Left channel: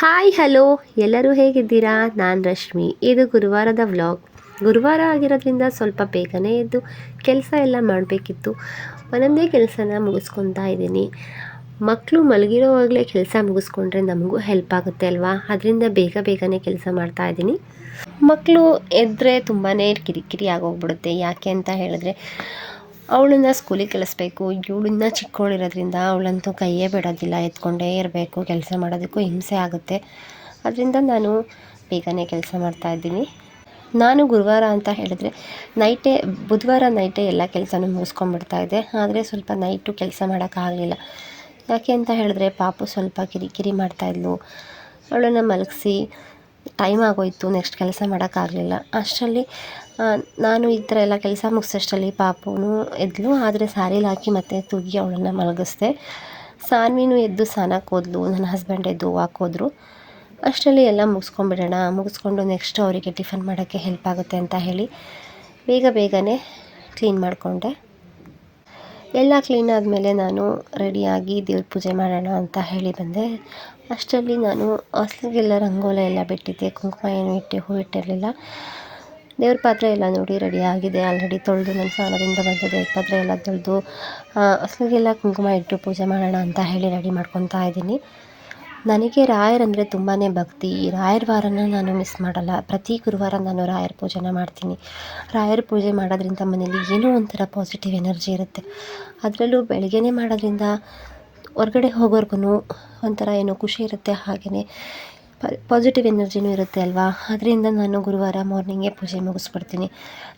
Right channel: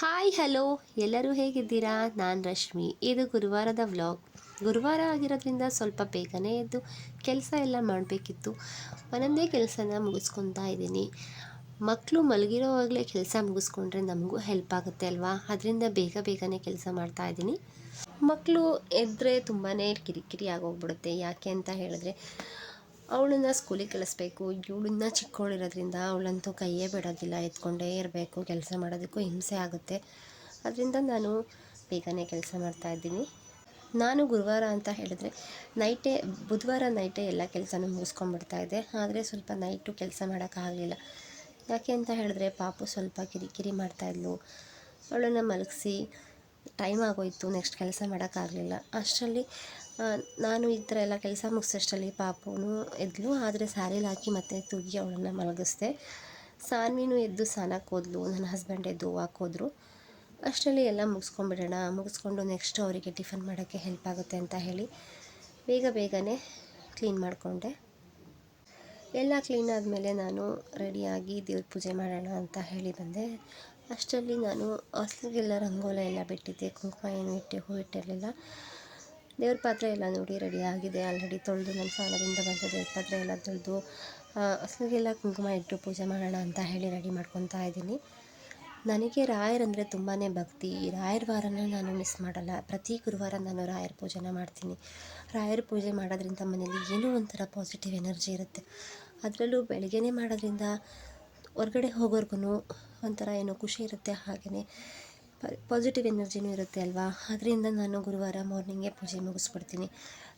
Hi hello, ಎಲ್ಲರೂ ಹೇಗಿದ್ದೀರಾ? ನಾನು ರಶ್ಮಿ. ಇದು ಗುರುವಾರದ ವ್ಲಾಗ್. ಗುರುವಾರ ಆಗಿರೋದ್ರಿಂದ ಸ್ವಲ್ಪ ಬೇಗನೆ ಎದ್ದು ಕೆಲಸ ಎಲ್ಲ ಮಾಡಬೇಕಿತ್ತು. ಒಂದೊಂದೇ ಕೆಲಸನ ಮುಗಿಸ್ಕೊತಾ ಇದ್ದೀನಿ. ಮಕ್ಕಳು ಮಲಗಿರೋವಾಗಲೇ ಕೆಲಸ ಮುಗಿಸ್ಕೊಂಡ್ರೆ ನಮಗೂ ಹೆಲ್ಪ್ ಆಗುತ್ತೆ ಅಲ್ವಾ? ಅದರಿಂದ ಬೇಗನೆ ಕೆಲಸ ಮಾಡ್ತಾಯಿದ್ದೀನಿ. ಮಕ್ಕಳು ಎದ್ದರೆ ತುಂಬಾ ಕಿರಿಕಿರಿ ಆಗೋಗ್ಬಿಡುತ್ತೆ. ಯಾಕೆ ಅಂತ ಹೇಳಿದ್ರೆ ಅವಳನ್ನು ಸ್ಕೂಲಿಗೆ ಕಳಿಸ್ಬೇಕು. ಇವಳನ್ನ ಚಿಕ್ಕವಳಿರೋದ್ರಿಂದ ಅವಳಂತೂ ಕೈಯೇ ಬಿಡೋದಿಲ್ಲ, ಎತ್ಕೊಂಡೇ ಇರಬೇಕು. ಕೆಲಸ ಮಾಡೋದಕ್ಕೂ ಹಿಂಸೆ ಆಗುತ್ತೆ. ಅದರಿಂದ ನಾನು ಬೇಗನೆ ಕೆಲಸ ಮಾಡ್ತಾಯಿದ್ದೀನಿ. ನಾನು ಗುರುವಾರ ಅಂತ ಹೇಳಿದ್ರೆ ಬುಧವಾರ ನೈಟೇ ಎಲ್ಲ ಕೆಲಸನೂ ಮುಗಿಸ್ಕೊಂಡ್ಬಿಡ್ತಾಯಿದ್ದೆ. ಆದರೆ ಸ್ವಲ್ಪ ನೈಟು ಕೆಲಸ ಮಾಡೋಕ್ಕಾಗಲಿಲ್ಲ. ಯಾಕೆ ಅಂತ ಹೇಳಿದ್ರೆ ಪಾಪು ಸ್ವಲ್ಪ ಕಿರಿಕಿರಿ ಮಾಡ್ತಾಯಿದ್ಲು. ಅವಳನ್ನು ಮಲಗಿಸಿ ಟೈಮ್ ಆಗೋಯಿತು. ನೆಕ್ಸ್ಟ್ ಕೆಲಸ ಮಾಡೋಕ್ಕಾಗಲಿಲ್ಲ. ಅಷ್ಟರಲ್ಲಿ ನಾನು ಈ ಥರ ಎಲ್ಲ ಕೆಲಸ ಮುಗಿಸೋಷ್ಟರಲ್ಲಿ ಪಾಪುನು ಎದ್ಲು. ಆದರೆ ಸ್ಯಾರಿಲಿ ಹಾಕಿ ಮತ್ತೆ ತೂಗಿ ಅವಳನ್ನು ಮಲಗಿಸ್ದೆ. ಸಾನ್ವಿನೂ ಎದ್ದು ಸ್ನಾನಕ್ಕೆ ಹೋದ್ಲು. ನನ್ನ ಹಸ್ಬೆಂಡ್ ಎದ್ದು ಹೋದ್ರು. ಅಷ್ಟರಲ್ಲಿ ಎಲ್ಲ ಮುಗಿಸ್ಕೊಂಡು ನೆಕ್ಸ್ಟ್ ಅವರಿಗೆ ಟಿಫನ್ ಮಾಡೋಕ್ಕೆ ಹೆಲ್ಪ್ ಆಗುತ್ತೆ ಅಂತ ಹೇಳಿ ಬೇಗನೆ ಕ್ಲೀನ್ ಮಾಡಿಕೊಂಡೆ. ಎಲ್ಲ ಕ್ಲೀನ್ ಆದಮೇಲೆ ನಾನು ರೆಡಿಯಾಗಿ ದೇವ್ರ ಪೂಜೆ ಮಾಡೋಣ ಅಂತ ಹೇಳಿ ಬಂದೆ. ಅಷ್ಟರಲ್ಲಿ ನಾನು ಹಾಸ್ಟೆಲ್ಗೆಲ್ಲ ರಂಗೋಲಿ ಎಲ್ಲ ಬಿಟ್ಟಿದ್ದೆ. ಕುಂಕುಮ ಏನು ಹೂ ಇಟ್ಟಿರಲಿಲ್ಲ. ದೇವ್ರ ಪಾತ್ರೆ ಎಲ್ಲ ನೋಡಿ ರೆಡಿ ಆಗಿದೆ. ಆಲ್ರೆಡಿ ತೊಳೆದು ನನ್ನ ಸ್ನಾನದಿಂದ ಬಂದ ದೇವ್ರ ಪಾತ್ರೆ ಎಲ್ಲ ತೊಳೆದು ಹಾಸ್ಟೆಲ್ಗೆಲ್ಲ ಕುಂಕುಮ ಇಟ್ಟು ಪೂಜೆ ಮಾಡೋಣ ಅಂತ ಹೇಳಿ ರೆಡಿ ಮಾಡ್ಕೊತಾ ಇದ್ದೀನಿ. ನನಗೆ ರಾಯರಂದರೆ ತುಂಬಾ ಭಕ್ತಿ. ರಾಯರ ವಾರನ ನಾನು ಮಿಸ್ ಮಾಡಲ್ಲ. ಪ್ರತಿ ಗುರುವಾರ ನಾನು ರಾಯರ ಪೂಜೆನ ಮಾಡ್ತೀನಿ. ರಾಯರ ಪೂಜೆ ಮಾಡೋದ್ರಿಂದ ಮನೇಲಿ ಏನೋ ಒಂಥರ ಪಾಸಿಟಿವ್ ಎನರ್ಜಿ ಇರುತ್ತೆ. ಅದರಲ್ಲೂ ಬೆಳಗ್ಗೆನೇ ಮಾಡೋದ್ರಿಂದ ಹೊರಗಡೆ ಹೋಗೋರ್ಗು ಒಂಥರ ಏನೋ ಖುಷಿ ಇರುತ್ತೆ. ಹಾಗೆಯೇ ಪಾಸಿಟಿವ್ ಎನರ್ಜಿನೂ ಇರುತ್ತೆ ಅಲ್ವಾ? ಅದರಿಂದ ನಾನು ಗುರುವಾರ ಮಾರ್ನಿಂಗೇ ಪೂಜೆ ಮುಗಿಸ್ಬಿಡ್ತೀನಿ.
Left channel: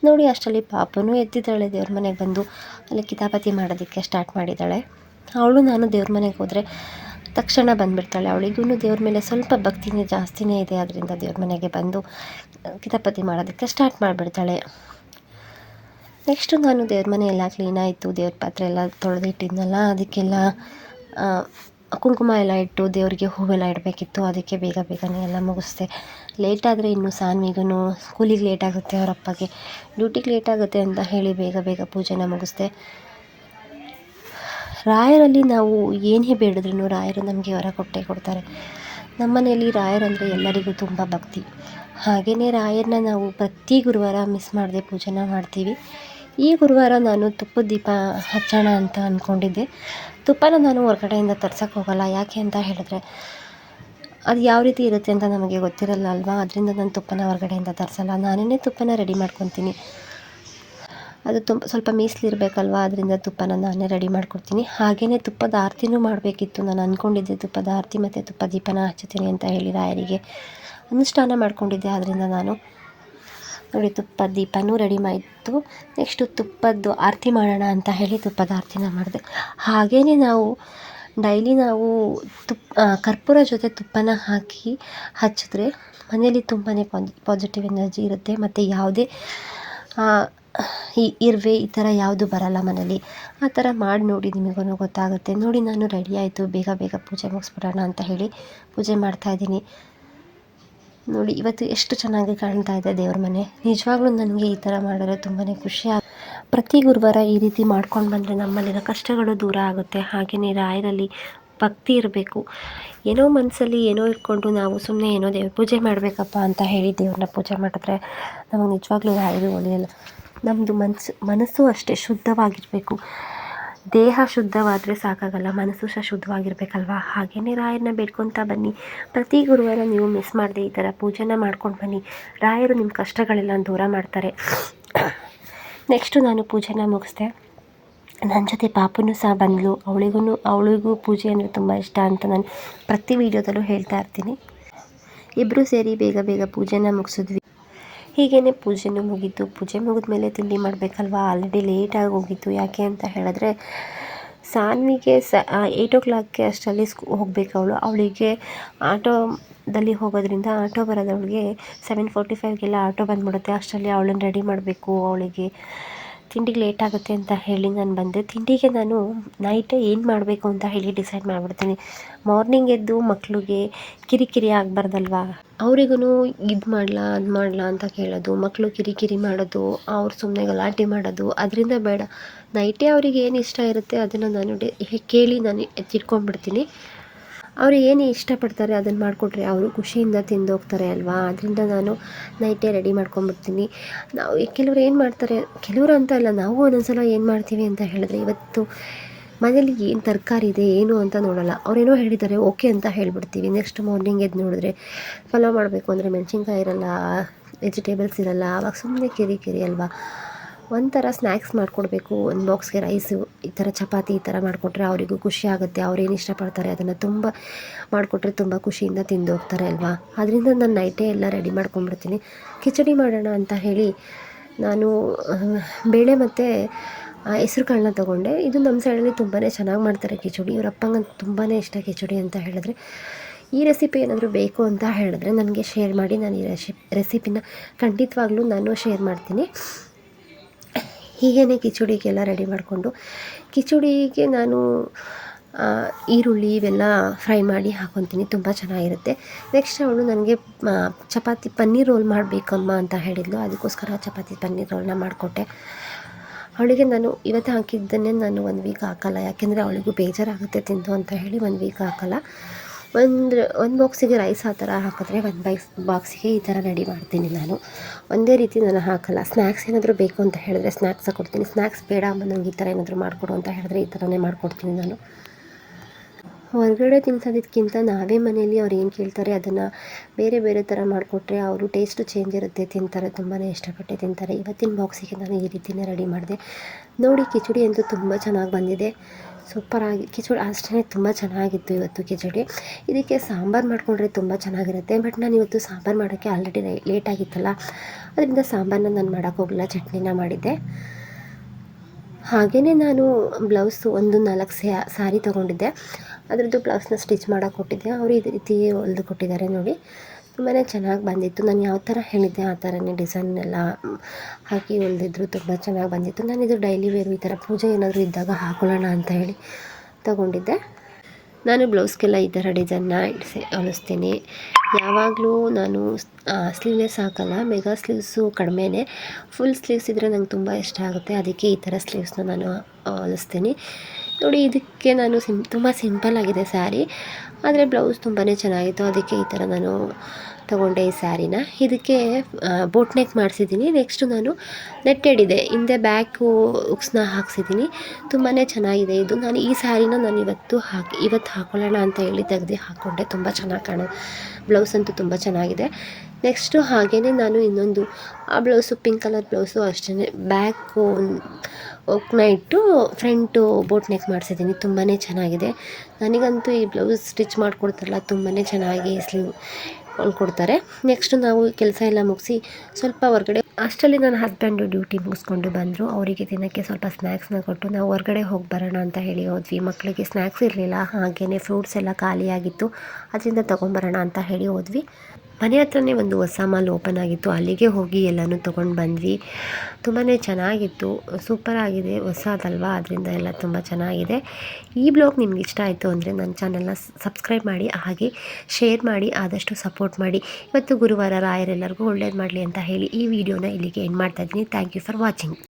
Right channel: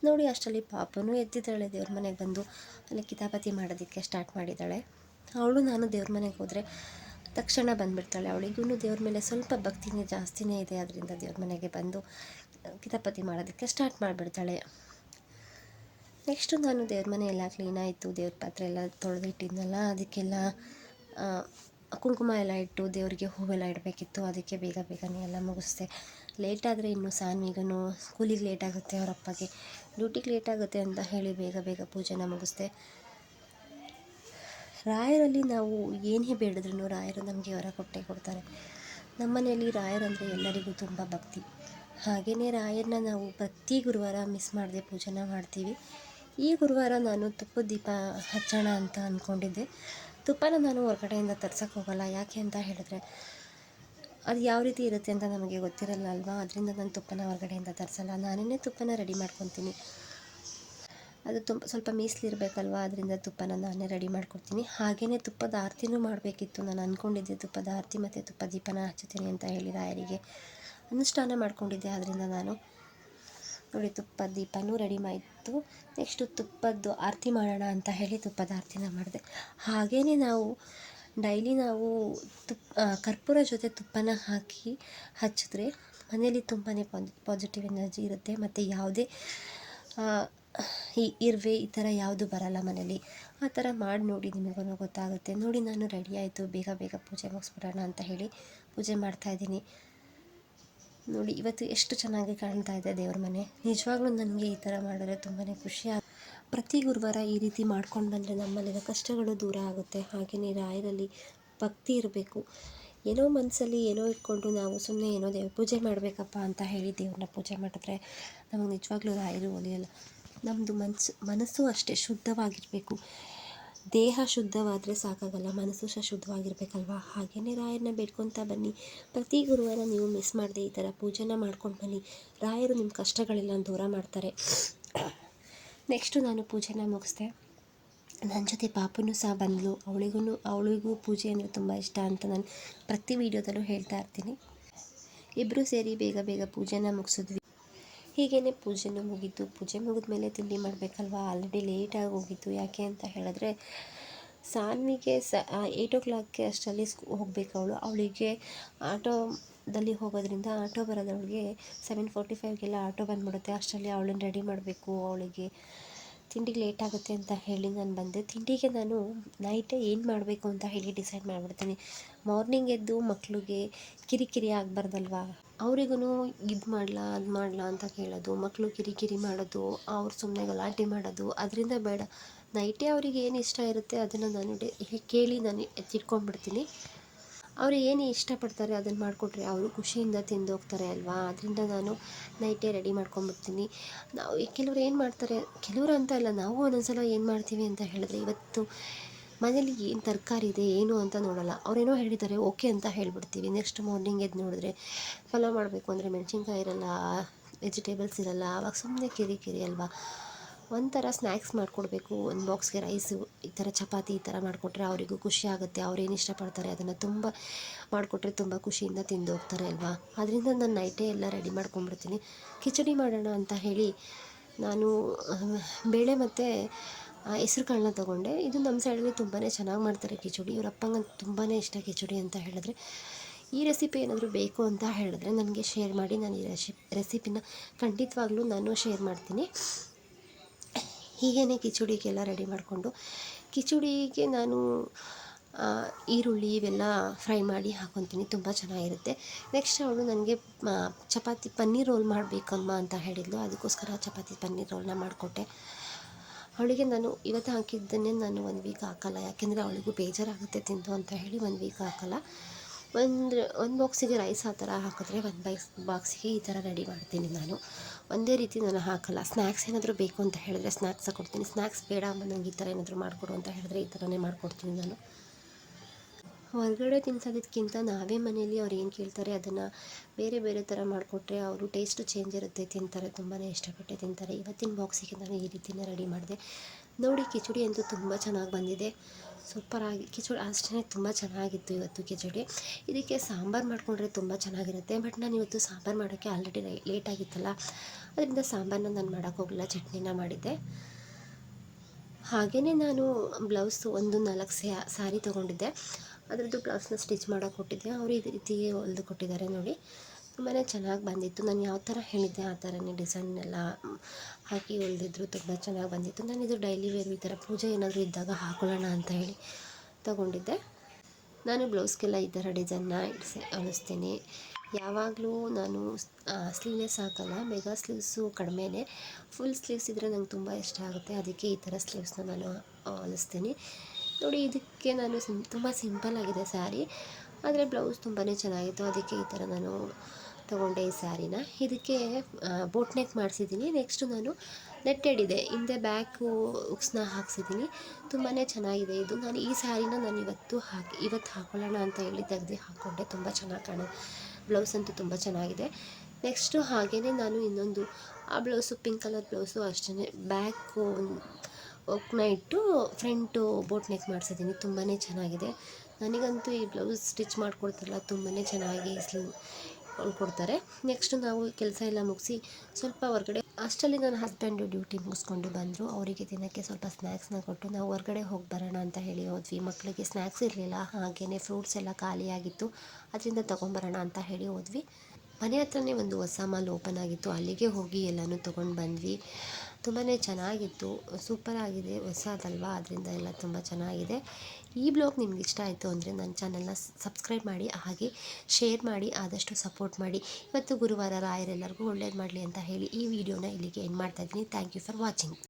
ನೋಡಿ ಅಷ್ಟರಲ್ಲಿ ಪಾಪನೂ ಎದ್ದಿದ್ದಾಳೆ. ದೇವ್ರ ಮನೆಗೆ ಬಂದು ಅಲ್ಲಿ ಕಿತಾಪತಿ ಮಾಡೋದಕ್ಕೆ ಸ್ಟಾರ್ಟ್ ಮಾಡಿದ್ದಾಳೆ. ಅವಳು ನಾನು ದೇವ್ರ ಮನೆಗೆ ಹೋದರೆ ತಕ್ಷಣ ಬಂದುಬಿಡ್ತಾಳೆ. ಅವಳಿಗೂ ದೇವ್ರ ಮೇಲೆ ಸ್ವಲ್ಪ ಭಕ್ತಿನೇ ಜಾಸ್ತಿನೇ ಇದೆ. ಅದರಿಂದ ದೇವ್ರ ಮನೆಗೆ ಬಂದು ಕಿತಾಪತಿ ಮಾಡೋದಕ್ಕೆ ಸ್ಟಾರ್ಟ್ ಮಾಡಿಬಿಡ್ತಾಳೆ. ನೆಕ್ಸ್ಟು ನಾನು ದೇವ್ರ ಮನೆ ಎಲ್ಲ ಕ್ಲೀನಾಯಿತು. ದೇವ್ರ ಪಾತ್ರೆ ಎಲ್ಲ ತೊಳೆದಿಟ್ಟಿದ್ನಲ್ಲ, ಅದಕ್ಕೆಲ್ಲ ಕುಂಕುಮ ಎಲ್ಲ ಇಟ್ಟು ದೇವರಿಗೆ ಹೂವೆಲ್ಲ ಇಡಬೇಕಿತ್ತು. ಅದಕ್ಕೆ ಬೇಗನೆ ಎಲ್ಲ ಮುಗಿಸ್ದೆ. ಲೇಟಾದರೆ ಇನ್ನು ಸಾನ್ವಿಗೂ ಸ್ಕೂಲಿಗೆ ಲೇಟಾಗುತ್ತೆ, ಅವ್ರ ಅಪ್ಪಗೆ ಡ್ಯೂಟಿಗೆ ಲೇಟಾಗುತ್ತೆ ಅಂತ ಹೇಳಿ ಬೇಗ ಪೂಜೆನ ಮುಗಿಸ್ದೆ. ರಾಯರಲ್ಲಿ ನಾವು ಏನೇ ಬೇಡಿದ್ರೂ ರಾಯರು ನಮಗೆ ವರ ಕೊಟ್ಟೇ ಕೊಡ್ತಾರೆ. ನಮ್ಮನೆಯಲ್ಲಿ ರಾಯರಂದರೆ ಎಲ್ಲರಿಗೂ ತುಂಬ ಭಕ್ತಿ. ಹಾಗೆಯೇ ರಾಯರನ್ನ ನಾವು ಪ್ರತಿ ಗುರುವಾರ ಮಿಸ್ ಮಾಡದೆ ಪೂಜೆನ ಮಾಡ್ತೀವಿ. ಈ ಗುರುವಾರ ನಾನು ತುಪ್ಪದ ದೀಪ ಹಚ್ಚೋಣ ಅಂತ ಅಂದ್ಕೊಂಡಿದ್ದೆ. ತುಪ್ಪನ ನಾನು ಹೊರಗಡೆಯಿಂದ ತರ್ಸೋಕ್ಕೆ ಹೋಗಲ್ಲ. ಯಾಕೆ ಅಂತ ಹೇಳಿದ್ರೆ ಅದು ಯಾವ ರೀತಿ ಇರುತ್ತೆ ಅಂತ ನಮಗೆ ಗೊತ್ತಿರಲ್ಲ ಅಲ್ವಾ? ಅದರಿಂದ ನಾನು ತುಪ್ಪನ ಹೊರಗಡೆಯಿಂದ ತರಿಸಲ್ಲ. ನಾನೇ ತುಪ್ಪನ ರೆಡಿ ಮಾಡ್ಕೊತೀನಿ. ಅದು ಸ್ವಲ್ಪ ಮೀಸಲಿರಬೇಕಲ್ವ, ಅದರಿಂದ ತುಪ್ಪನ ನಾನೇ ರೆಡಿ ಮಾಡ್ಕೊಡ್ತೀನಿ. ಹಾಗೆಯೇ ತುಪ್ಪದ ಆರತಿನೂ ಮಾಡಬೇಕಿತ್ತು. ನಾನು ಅಂದ್ಕೊಂಡಿದ್ದೆ ತುಪ್ಪದ ಆರತಿ ಮತ್ತು ತುಪ್ಪ ದೀಪನ ಹಚ್ಚುತ್ತೀನಿ ಅಂತ ಹೇಳಿ ರಾಯರಿಗೆ ಅನುಷ್ಠಾನ ಮಾಡ್ಕೊಂಡಿದ್ದೆ. ಆದ್ದರಿಂದ ನಾನು ನೋಡಿ ತುಪ್ಪದ ದೀಪನೂ ರೆಡಿ ಮಾಡಿತ್ತು. ನೆಕ್ಸ್ಟು ತುಪ್ಪದ್ದು ಆರತಿ ಮಾಡೋಣ ಅಂತ ಹೇಳಿ ತುಪ್ಪದ ಆರತಿನ ಮಾಡಿದೆ. ಹಾಗೆಯೇ ನಾವು ಡೈಲಿ ಕರ್ಪೂರ ಜೊತೆ ತುಪ್ಪನ ಹಾಕಿ ಹಚ್ಚಿದ್ರೆ ಮನೇಲಿ ತುಂಬಾ ಪಾಸಿಟಿವ್ ಎನರ್ಜಿ ಇರುತ್ತೆ. ಮತ್ತು ಯಾವುದೇ ಇರುವೆ ಈ ಥರ ಯಾವುದು ಬರಲ್ಲ ಮನೇಲಿ. ಆ ಥರ ಮಾಡಿ ನೋಡಿ, ನಿಮಗೂ ಗೊತ್ತಾಗುತ್ತೆ. ನೋಡಿ ನಾನು ರೆಡಿ ಆಯಿತು. ಬೇಗ ಪೂಜೆ ಮುಗಿಸ್ಬಿಡೋಣ ಅಂತ ಹೇಳಿ ಪೂಜೆ ಮಾಡ್ತಾಯಿದ್ದೀನಿ. ನೋಡಿ ಇವತ್ತು ಎಷ್ಟು ಚೆನ್ನಾಗಿ ಕಾಣ್ತಾ ಇದೆ ದೇವ್ರ ಮನೆ. ನಿಜವಾಗ್ಲೂ ನನಗೆ ಈ ಥರ ಮಾಡಿದ್ರೆ ತುಂಬಾ ಖುಷಿ ಪ್ರತಿ ಗುರುವಾರ ಈ ರೀತಿ ಮಾಡ್ಕೊಂಡು ಬಂದರೆ ನಮ್ಮಲ್ಲಿರೋ ಕಷ್ಟಗಳು ದೂರ ಆಗುತ್ತೆ. ಹಾಗೆಯೇ ರಾಯರಲ್ಲಿ ಭಕ್ತಿ ಇರಬೇಕು. ಏನೋ ಮನಸ್ಸಲ್ಲಿ ಏನೋ ಇಟ್ಕೊಂಡು ನಾವು ಸುಮ್ಮನೆ ಏನೋ ದೇವ್ರ ಪೂಜೆ ಮಾಡಬೇಕಪ್ಪ ಅಂತ ಹೇಳಿ ದೇವ್ರನ್ನ ಪೂಜೆ ಮಾಡಿದ್ರೆ ನಮಗೆ ನಿಜವಾಗ್ಲೂ ರಾಯರು ಒಲಿಯಲ್ಲ. ನಮ್ಮದು ಮನಸ್ಸು ಅಷ್ಟೇ ಶುದ್ಧವಾಗಿರಬೇಕು. ದೇಹ ಶುದ್ಧವಾದರೆ ಸಾಕಾಗಲ್ಲ, ಮನಸ್ಸು ಸಹ ಶುದ್ಧವಾಗಿರಬೇಕಲ್ವ? ಹಾಗೆಯೇ ರಾಯರನ್ನ ಬೇಡ್ಕೊತಾ ಬನ್ನಿ. ಪ್ರತಿ ಗುರುವಾರ ನೀವು ಮಿಸ್ ಮಾಡದೆ ಈ ಥರ ಪೂಜೆನ ಮಾಡ್ಕೊಂಡು ಬನ್ನಿ. ರಾಯರು ನಿಮ್ಮ ಕಷ್ಟಗಳೆಲ್ಲ ದೂರ ಮಾಡ್ತಾರೆ. ನೆಕ್ಸ್ಟು ನಾನು ಪೂಜೆನ ಮುಗಿಸ್ದೆ. ನನ್ನ ಜೊತೆ ಪಾಪನೂ ಸಹ ಬಂದಳು. ಅವಳಿಗೂ ಪೂಜೆ ಅಂದರೆ ತುಂಬ ಇಷ್ಟ ಅಂತ ನಾನು ಪ್ರತಿ ವೀಡಿಯೋದಲ್ಲೂ ಹೇಳ್ತಾ ಇರ್ತೀನಿ. ಇಬ್ಬರು ಸೇರಿ ಬೇಗ ಪೂಜೆನ ಮುಗಿಸಿದ್ವಿ. ಹೀಗೇ ಪೂಜೆನೂ ಮುಗೀತು. ಪೂಜೆ ಮುಗಿದ್ಮೇಲೆ ತಿಂಡಿ ಮಾಡಬೇಕಲ್ವ? ಆಲ್ರೆಡಿ ಲೇಟಾಗಿ ಹೋಗಿತ್ತು. ಯಾಕೆ ಅಂತ ಹೇಳಿದ್ರೆ ಸಾನ್ವಿಗೆ 8 o'clock ಅಷ್ಟರಲ್ಲಿ ಹೋಗಬೇಕು. ಅವಳಿಗೆ ಆಟೋದಲ್ಲಿ ಹೋಗೋದ್ರಿಂದ ಆಟೋ ಬರೋದವಳಿಗೆ 7:45 ಆಟೋ ಬಂದುಬಿಡುತ್ತೆ. ಅಷ್ಟರಲ್ಲಿ ಅವಳನ್ನು ರೆಡಿ ಮಾಡಬೇಕು. ಅವಳಿಗೆ ತಿಂಡಿಗೆ ಲೇಟ್ ಆಗುತ್ತೆ ಅಂತ ಹೇಳಿ ನಾನು ಬಂದೆ. ತಿಂಡಿಗೆ ನಾನು ನೈಟೇ ಏನು ಮಾಡಬೇಕು ಅಂತ ಹೇಳಿ ಡಿಸೈಡ್ ಮಾಡಿಬಿಡ್ತೀನಿ. ಮಾರ್ನಿಂಗ್ ಎದ್ದು ಮಕ್ಕಳಿಗೆ ಕಿರಿಕಿರಿ ಆಗಬಾರ್ದಲ್ವಾ? ಅವರಿಗೂ ಇದು ಮಾಡಲಾ ಅದು ಮಾಡಲಾ ಅಂತ ಕೇಳೋದು, ಮಕ್ಕಳು ಕಿರಿಕಿರಿ ಮಾಡೋದು, ಅವ್ರು ಸುಮ್ಮನೆ ಗಲಾಟೆ ಮಾಡೋದು, ಅದರಿಂದ ಬೇಡ. ನೈಟೇ ಅವ್ರಿಗೆ ಏನು ಇಷ್ಟ ಇರುತ್ತೆ ಅದನ್ನು ನಾನು ಕೇಳಿ ನಾನು ಎತ್ತಿಟ್ಕೊಂಡ್ಬಿಡ್ತೀನಿ. ಅವರು ಏನು ಇಷ್ಟಪಡ್ತಾರೆ ಅದನ್ನು ಮಾಡಿಕೊಟ್ರೆ ಅವರು ಖುಷಿಯಿಂದ ತಿಂದೋಗ್ತಾರೆ ಅಲ್ವಾ. ಅದರಿಂದ ನಾನು ನೈಟೇ ರೆಡಿ ಮಾಡ್ಕೊಂಬಿಡ್ತೀನಿ. ನಾವು ಕೆಲವ್ರು ಏನು ಮಾಡ್ತಾರೆ, ಕೆಲವರು ಅಂತ ಅಲ್ಲ, ನಾವು ಒಂದೊಂದು ಸಲ ಏನು ಮಾಡ್ತೀವಿ ಅಂತ ಹೇಳಿದ್ರೆ, ಇವತ್ತು ಮನೇಲಿ ಏನು ತರಕಾರಿ ಇದೆ ಏನು ಅಂತ ನೋಡೋಲ್ಲ. ಅವರೇನೋ ಹೇಳಿದ್ದಾರೆ ಓಕೆ ಅಂತ ಹೇಳಿಬಿಡ್ತೀವಿ. ನೆಕ್ಸ್ಟ್ ಮಾರ್ನಿಂಗ್ ಎದ್ದು ನೋಡಿದ್ರೆ ಪಲಾವ್ ಮಾಡಬೇಕು ಅಂದರೆ ಮೆಣಸಿನ್ಕಾಯಿ ಇರಲ್ಲ, ವೆಜಿಟೇಬಲ್ಸ್ ಇರಲ್ಲ. ಆವಾಗ ಸುಮ್ಮನೆ ಕಿರಿ ಅಲ್ವಾ. ಒಂಥರ ಸ್ನ್ಯಾಕ್ಸ್ ಮಾಡಿಕೊಡ್ಬೇಕು, ಒಂದು ಬಾಕ್ಸ್ಗೆ ರೈಸು, ಈ ಥರ ಚಪಾತಿ ಈ ಥರ ಮಾಡಿಕೊಟ್ರೆ ಅವರಿಗೂ ಖುಷಿ ಆಗುತ್ತೆ. ಅವ್ರೇನು ಇಷ್ಟಪಡ್ತಾರೆ ಅದನ್ನು ತುಂಬ ಮಾಡಿಕೊಟ್ರೆ ತುಂಬ ಖುಷಿಯಿಂದ ತಿಂದು ಹೋಗ್ತಾರೆ ಅಲ್ವಾ. ಅದರಿಂದ ನಾನು ನೈಟೇ ಎಲ್ಲ ರೆಡಿ ಮಾಡ್ಕೊಂಡ್ಬಿಡ್ತೀನಿ. ಕಿಚಡಿ ಮಾಡೋಣ ಅಂತ ಹೇಳಿ ನಾನು ಬೇಳೆ ಮತ್ತು ಹೆಸ್ರು ಕಾಳನ್ನ ತೊಗೊಂಡೆ. ಇದು ನಮ್ಮ ಸೈಡಲ್ಲಿ ತುಂಬಾ ಚೆನ್ನಾಗಿ ಮಾಡ್ತಾರೆ ಕಿಚಡಿ. ಇವ್ರ ಅಪ್ಪಂಗಂತೂ ತುಂಬಾ ಇಷ್ಟ ಕಿಚಡಿ ಅಂತ ಹೇಳಿದ್ರೆ. ಈ ರೆಸಿಪಿ ಏನಾದರೂ ಬೇಕು ಅಂತ ಹೇಳಿದ್ರೆ ನನಗೆ ಶೇರ್ ಮಾಡಿ. ನಾನು ಈ ರೆಸಿಪಿನ ಖಂಡಿತವಾಗ್ಲೂ ನಾನು ಶೇರ್ ಮಾಡ್ತೀನಿ. ಹೀಗೇ ಕಿಚಡಿಗೆಲ್ಲ ರೆಡಿ ಮಾಡಿಕೊಂಡು, ಕಿಚಡಿಗೆ ನಾನು ಈರುಳ್ಳಿ ಇವೆಲ್ಲ ಫ್ರೈ ಮಾಡಿ ಹಾಕ್ಕೊತೀನಿ, ತುಂಬ ಚೆನ್ನಾಗಿರುತ್ತೆ. ನೆಕ್ಸ್ಟ್ ಅವಳು ನನಗೆ ಚಪಾತಿ ಪನ್ನೀರ್ ರೋಲ್ ಮಾಡಬೇಕಮ್ಮ ಅಂತ ಹೇಳಿದ್ಲು. ಅದಕ್ಕೋಸ್ಕರ ಚಪಾತಿ ಪನ್ನೀರ್ ರೋಲ್ನ ಮಾಡಿಕೊಟ್ಟೆ ಅವಳಿಗೆ. ನಾನು ಇವತ್ತು ಹಾಕಿದ್ದನ್ನೇ ನಾನು 1 ವೀಕ್ ಹಾಕಲ್ಲ, ಯಾಕೆಂದರೆ ಅವಳಿಗೂ ಬೇಜಾರಾಗುತ್ತೆ ತಿಂದು ಅಂತ ಹೇಳಿ 1 ವೀಕ್ ಹಾಕಲ್ಲ. ಒಂದು ಬಾಕ್ಸಿಗೆ ರೈಸ್ ಆ ಥರ ಹಾಕಿದ್ರೆ 1 ಬಾಕ್ಸಿಗೆ ಈ ಥರ ರೆಡಿ ಮಾಡ್ತೀನಿ ನಾನು. ಒಂದೇ ರೀತಿ ನಾನು ಹಾಕಲ್ಲ. ಸ್ನ್ಯಾಕ್ಸ್ ಏನಾದರೂ ಬೇಕು ಅಂತ ಹೇಳಿದ್ರೆ ಸ್ನ್ಯಾಕ್ಸ್ ಕೊಡ್ತೀನಿ. ಸ್ನ್ಯಾಕ್ಸ್ ಬೇಡ ಅಮ್ಮ ನನಗೆ ಈ ಥರ ಏನಾದರೂ ಮಾಡಿಕೊಡು ಅಂತ ಹೇಳಿದ್ರೆ ಈ ಥರನೇ ಮಾಡಿಕೊಡ್ತೀನಿ ನಾನು. ಹೊರಗಡೆ ತಿನ್ಸೋದಕ್ಕಿಂತ ನಾವೇ ಮನೆಯಲ್ಲಿ ಅವ್ರು ಏನು ಕೇಳ್ತಾರೆ ಅದನ್ನು ಬೇರೆ ಬೇರೆ ಥರ ಮಾಡಿಕೊಟ್ರೆ ಅವರು ಟೇಸ್ಟು ಚೇಂಜ್ ಇರುತ್ತೆ, ತಿಂತಾರೆ, ತುಂಬಾ ಇಷ್ಟಪಟ್ಟು ತಿಂತಾರೆ. ಇವತ್ತಿನ ಬಾಕ್ಸಿಗೆ ನಾನು ಈ ರೀತಿಯೇ ರೆಡಿ ಮಾಡಿದೆ. ನೋಡಿ, ಕಿಚಡಿ ಅಂತೂ ತುಂಬ ಚೆನ್ನಾಗಿ ಬಂದಿದೆ, ಸೂಪರಾಗಿ. ಕಿಚಡಿ ಅಷ್ಟೇ ತುಂಬ ಚೆನ್ನಾಗಿತ್ತು ಇವತ್ತು ಕಿಚಡಿ. ಇದಕ್ಕೆ ಸಾಂಬಾರು ಮಾಡಿಕೊಂಡ್ರೆ ತುಂಬ ಚೆನ್ನಾಗಿರುತ್ತೆ. ಬಟ್ ನಾನು ಇವತ್ತು ಸಾಂಬಾರು ಮಾಡೋಕ್ಕೆ ಆಲ್ರೆಡಿ ಲೇಟ್ ಆಗಿತ್ತಲ್ಲ, ಅದರಿಂದ ಸಾಂಬಾರನ್ನ ನಾನು ಮಾಡೋಕ್ಕೋಗಲ್ಲ, ಚಟ್ನಿನ ಮಾಡಿದ್ದೆ. ಹಾಗೆಯೇ ನಾನು ಬ್ಲೌಸು ಒಂದು 4 ಸಾರಿ ತೊಗೊಂಡಿದ್ದೆ. ಅದರದ್ದು ಬ್ಲೌಸ್ನ ಸ್ಟಿಚ್ ಮಾಡೋಕೆ ಕೊಟ್ಟಿದ್ದೆ. ಅವರು ಈ ರೀತಿ ಹೊಲ್ದು ಕೊಟ್ಟಿದ್ದಾರೆ ನೋಡಿ, ತುಂಬಾ ಚೆನ್ನಾಗಿ ಬಂದಿತ್ತು. ನಾನು ಯಾವ ಥರ ಹೇಳಿದ್ದೆ ಆ ಥರನೇ ಡಿಸೈನ್ ಎಲ್ಲ ಹಾಕಿ ಹೊಲ್ದಿದ್ರು, ತುಂಬ ಚೆನ್ನಾಗಿ ಬಂದಿತ್ತು. ನಾನಿದು ಡೈಲಿ ವೇರು ಈ ಥರ ಪೂಜೆ ಏನಾದರೂ ಇದ್ದಾಗ ಹಾಕೊಳ್ಳೋಣ ಅಂತ ಹೇಳಿ ತೊಗೊಂಡಿದ್ದೆ. ನಾನು ಬ್ಲೌಸ್ಗೆಲ್ಲ ಈ ಥರ ಡಿಸೈನ್ನ ಹೊಲಿಸ್ತೀನಿ. ಯಾವಾಗಲೂ ನಾನು ಸ್ಲೀವ್ಲೆಸ್ ಹಾಕಲ್ಲ, ಮೆಗಾ ಸ್ಲೀವ್ಸು ಕಡಿಮೆನೇ. ಫುಲ್ ಸ್ಲೀವ್ಸ್ ಇದ್ದರೆ ನಂಗೆ ತುಂಬ ಇಷ್ಟ ಆಗುತ್ತೆ, ಅದಕ್ಕೆ ಈ ಥರ ಸ್ಲೀವ್ಸ್ನ ನಾನು ಹೊಲಿಸ್ತೀನಿ. ನೋಡಿ, ಇದಕ್ಕೆ ನಾನು ತುಂಬ ಸಿಂಪಲ್ಲಾಗಿದೆ ಸ್ಯಾರಿ, ಆದರೆ ಬ್ಲೌಸ್ ತುಂಬಾ ಚೆನ್ನಾಗಿತ್ತು, ಅದಕ್ಕೆ ಈ ಥರ ನಾನು ತೊಗೊಂಡೆ ಈ ಸ್ಯಾರಿನ. ಇದಕ್ಕೆ ಬೋಟ್ ನೆಕ್ ಮಾಡಿಸಿದ್ದೀನಿ. ನೆಕ್ಸ್ಟು ನಾನು ನೆಟ್ಟೆಡ್ ಇದೆ, ಹಿಂದೆ ಬ್ಯಾಕು ಉಕ್ಸ್ನ ಹಾಕ್ಸಿದ್ದೀನಿ. ತುಂಬಾ ಚೆನ್ನಾಗಿದೆ ಇದು. ನಾನು ಈ ಸ್ಯಾರಿನ ನಾನು ಇವತ್ತು ಹಾಕ್ಕೊಳ್ಳೋಣ ಅಂತ ಹೇಳಿ ತೆಗೆದು ಹಾಕ್ಕೊಂಡೆ. ತುಂಬ ಚೆನ್ನಾಗಿ ಕಾಣೋದು. ಬ್ಲೌಸ್ ಅಂತೂ ತುಂಬ ಚೆನ್ನಾಗಿದೆ. ನೆಕ್ಸ್ಟು ಹಾಗೆಯೇ ನಾನು ಇನ್ನೊಂದು ಆ ಬ್ಲೌಸು ಪಿಂಕ್ ಕಲರ್ ಬ್ಲೌಸು ಅಷ್ಟೇ, ಬ್ಯಾಕು ಒಕ್ನ ಇಟ್ಟು ಫ್ರಂಟು ಬೋಟ್ ನೆಕ್ ಮಾಡಿಸಿದ್ದೀನಿ. ತುಂಬಾ ಚೆನ್ನಾಗಿದೆ. ನನಗಂತೂ ಈ ಬ್ಲೌಸ್ ಸ್ಟಿಚ್ ಮಾಡಿಕೊಡ್ತಾರಲ್ಲ ತುಂಬಾ ಚೆನ್ನಾಗಿ ಸ್ಲೀವ್ ಹೊಲ್ಕೊಡ್ತಾರೆ. ನೆಕ್ಸ್ಟು ನಾವು ಕೆಲಸ ಎಲ್ಲ ಮುಗಿಸಿ ಸ್ವಲ್ಪ ಹೊರಗಡೆ, ಅಷ್ಟರಲ್ಲಿ ನನ್ನ ಹಸ್ಬೆಂಡು ಡ್ಯೂಟಿ ಮುಗಿಸ್ಕೊಂಡು ಬಂದರು. ಅವರಿಗೆ ತಿನ್ನೋಕ್ಕೆ ಸ್ವಲ್ಪ ಸ್ನ್ಯಾಕ್ಸ್ನ ಕೊಟ್ಟು ನಾವು ಹೊರಗಡೆ ಹೋಗಿ ಬರೋಣ ಅಂತ ಹೇಳಿ ಹೋದ್ವಿ. ಮಕ್ಕಳಿಗೆ ಸ್ನ್ಯಾಕ್ಸ್ ಇರಲಿಲ್ಲ, ಹಾಗೆಯೇ ಫ್ರೂಟ್ಸ್ ಎಲ್ಲ ಖಾಲಿಯಾಗಿತ್ತು, ಅದರಿಂದ ತೊಗೊಂಬರೋಣ ಅಂತ ಹೇಳಿ ಹೋದ್ವಿ. ಮನೆ ಹತ್ರನೇ ಒಂದು ಹೊಸ ಮಾಲ್ ಓಪನ್ ಆಗಿತ್ತು, ಅಲ್ಲಿಗೆ ಹೋಗಿ ಎಲ್ಲನೂ ತೊಗೊಂಡು ಬಂದ್ವಿ. ತುಂಬಾ ಚೆನ್ನಾಗಿತ್ತು, ಸೂಪರಾಗಿದೆ, ಹೊಸದಲ್ವಾ, ಅದರಿಂದ ಎಲ್ಲ ತುಂಬ ಚೆನ್ನಾಗಿದೆ. ಈ ಬ್ಲಾಗ್ ನಿಮ್ಗೆ ಇಷ್ಟ ಆಯಿತು ಅಂದರೆ ನನ್ನ ಚಾನಲ್ನ ಸಬ್ಸ್ಕ್ರೈಬ್ ಮಾಡಿ, ಹಾಗೆ ಶೇರ್ ಮಾಡಿ, ಆದಷ್ಟು ಸಪೋರ್ಟ್ ಮಾಡಿ. ಇವತ್ತು ಗುರುವಾರ, ರಾಯರೆಲ್ಲರಿಗೂ ಒಳ್ಳೇದು ಮಾಡಲಿ ಅಂತ ಹೇಳಿ ಈ ವಿಡಿಯೋನ ಇಲ್ಲಿಗೆ ಎಂಡ್ ಮಾಡ್ತಾಯಿದ್ದೀನಿ. Thank you for watching.